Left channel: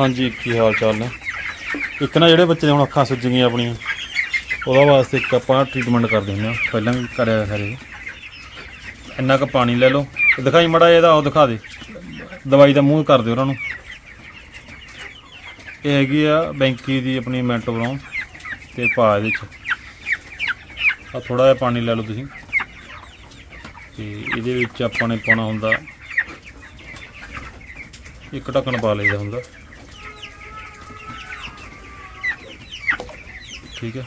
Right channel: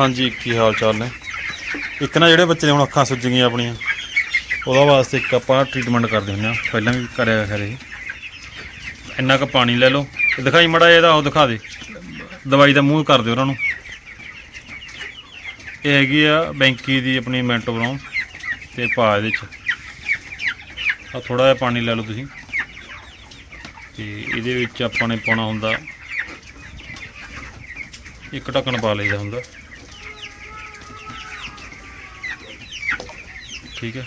ਹਾਂਜੀ, ਕੀ ਹਾਲ ਚਾਲ ਨੇ? ਇੱਕ ਨਾ ਜਿਹੜੇ ਬੱਚੇ ਦੇ ਹੁਣ ਅੱਖਾਂ ਸੁੱਜ ਗਈਆਂ ਆਪਣੀਆਂ, ਉਹਦਾ ਵਾਸਤੇ ਇੱਕ ਆਪਾਂ ਟ੍ਰੀਟਮੈਂਟ ਕਰਦੇ ਹੁੰਦੇ ਆ ਪਹਿਲਾਂ ਵੀ ਕਰਿਆ ਖਰੇ ਇੰਨਾ ਕੁ ਪਾਣੀ ਲੈ ਲਓ। ਤੇ ਦਿਖਾਈ ਮੜਾ ਇਹਦਾ, ਉਹ ਦਿਖਾ ਦੇ। ਦਵਾਈ ਦਾ ਮੂੰਹ ਕਰ ਦਿਓ ਉਹਨਾਂ ਨੂੰ। ਇਹ ਹੈਗੀ ਆ ਬੈਂਕੀ ਦੀ ਆਪਣੀ ਮੈਂਟੋ ਬਰਾਉਨ ਤੇ ਪਾ ਇਹਦੇ ਚ। ਆ ਥੋੜਾ ਜਿਹਾ ਪਾਣੀ ਲੈ ਲਓ ਤੁਸੀਂ। ਤੇ ਇਹਦੇ ਵਿੱਚ ਆਪਾਂ ਨੇ ਪਾਉਣਾ ਹੁੰਦਾ, ਇੱਕ ਢੱਕਣ ਪਾ ਲਈਦਾ ਹੁੰਦਾ। ਠੀਕ ਹੈ।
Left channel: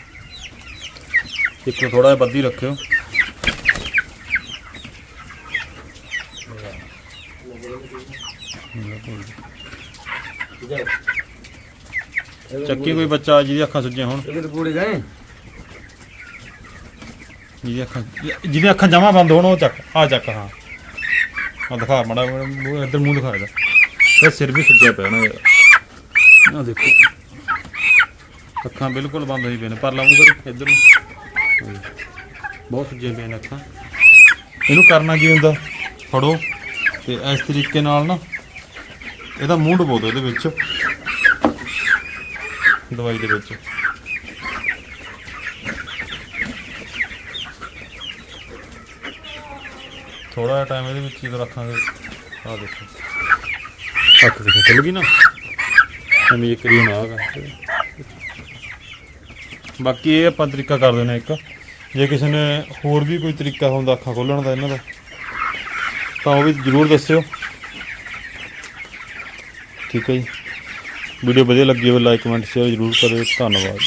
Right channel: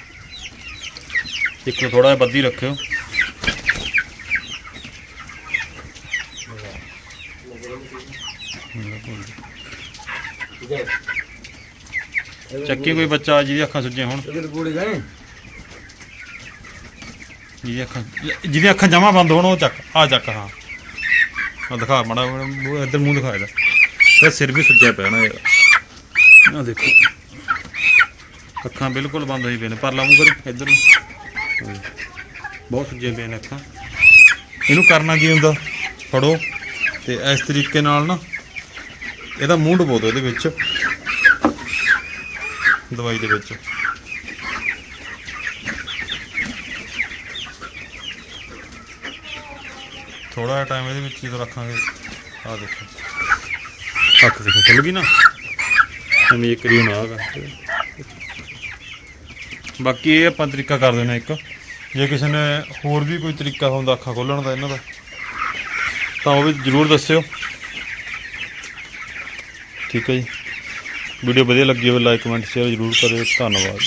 ਇੱਕ ਥੋੜਾ ਜਿਹਾ ਵੱਧੀ ਰੱਖਿਓ। ਚੱਕੀ ਕੋਈ ਬੱਚਾ ਜਿਹਦੀ ਅੱਖਾਂ ਸੱਜੇ ਹੋਣ। ਇਹਦੇ ਪੂੜੇ ਜਾਏ? ਜਿਹਦੀ ਅੱਖਾਂ ਜਿਹਦੀ ਅੱਖਾਂ ਜਮਾ ਬੰਦ ਹੋਣ ਉਹ ਚੱਕ ਆ ਚੱਕ ਹਾਂ। ਆ ਦਿਖਾ ਮੜਾ ਇੱਧਰ ਮੂੰਹ ਦਿਖਾ ਇਹਦਾ। ਸਿਰ ਵੀ ਸੱਜਿਆ ਪਿਆ ਨਾ ਦੇਖੋ। ਅੱਖਾਂ ਬਿਲਕੁਲ ਬੰਦ ਹੋਈ ਪਈਆਂ ਨੇ, ਪਰ ਲਾਉਂ ਇੱਧਰ ਨੂੰ। ਬਹੁਤ ਸੁੱਜੇ ਪਏ ਨੇ ਅੱਖਾਂ। ਇਹਨੂੰ ਕਰਨਾ ਕੀ ਹੁੰਦਾ? ਫੜੋ। ਤੇ ਇਸ ਤਰੀਕੇ ਨਾਲ ਨਾ, ਇਹਦਾ ਮੂੰਹ ਡਬੋ ਦਿਓ ਇਹਦੇ ਵਿੱਚ। ਦਵਾਈ ਦੇ ਵਿੱਚ। ਥੋੜਾ ਜਿਹਾ ਟਾਈਮ ਇਹਦੇ ਵਿੱਚ ਜਦੋਂ ਰੱਖਾਂਗੇ। ਆਹ ਦੇਖੋ। ਅੱਖ ਦੇਖੋ ਖੁੱਲ ਗਈ ਨਾ। ਐਵੇਂ ਇੱਕ ਰੀ ਨਾ ਆਗਾ ਬਾਕੀ ਇਹ ਆਪਾਂ ਤਰੀਕਾ ਕਰ ਦੇਣਾ ਇੱਕ। ਜੇ ਕਿਸੇ ਨੇ ਹੋਰ ਵੀ ਕੋਈ ਤਰੀਕਾ ਹੁੰਦਾ ਅੱਖਾਂ ਖੋਲਣ ਦਾ ਇਹਨਾਂ ਦਾ, ਤਾਂ ਉਹ ਵੀ ਜਰੂਰ ਦੱਸਿਓ। ਠੀਕ ਹੈ ਜੀ। ਵੀਡੀਓ ਵਧੀਆ ਲੱਗੀ ਹੋਵੇ ਲਾਈਕ ਕਮੈਂਟ ਸ਼ੇਅਰ ਜਰੂਰ ਕਰਿਓ। ਧੰਨਵਾਦ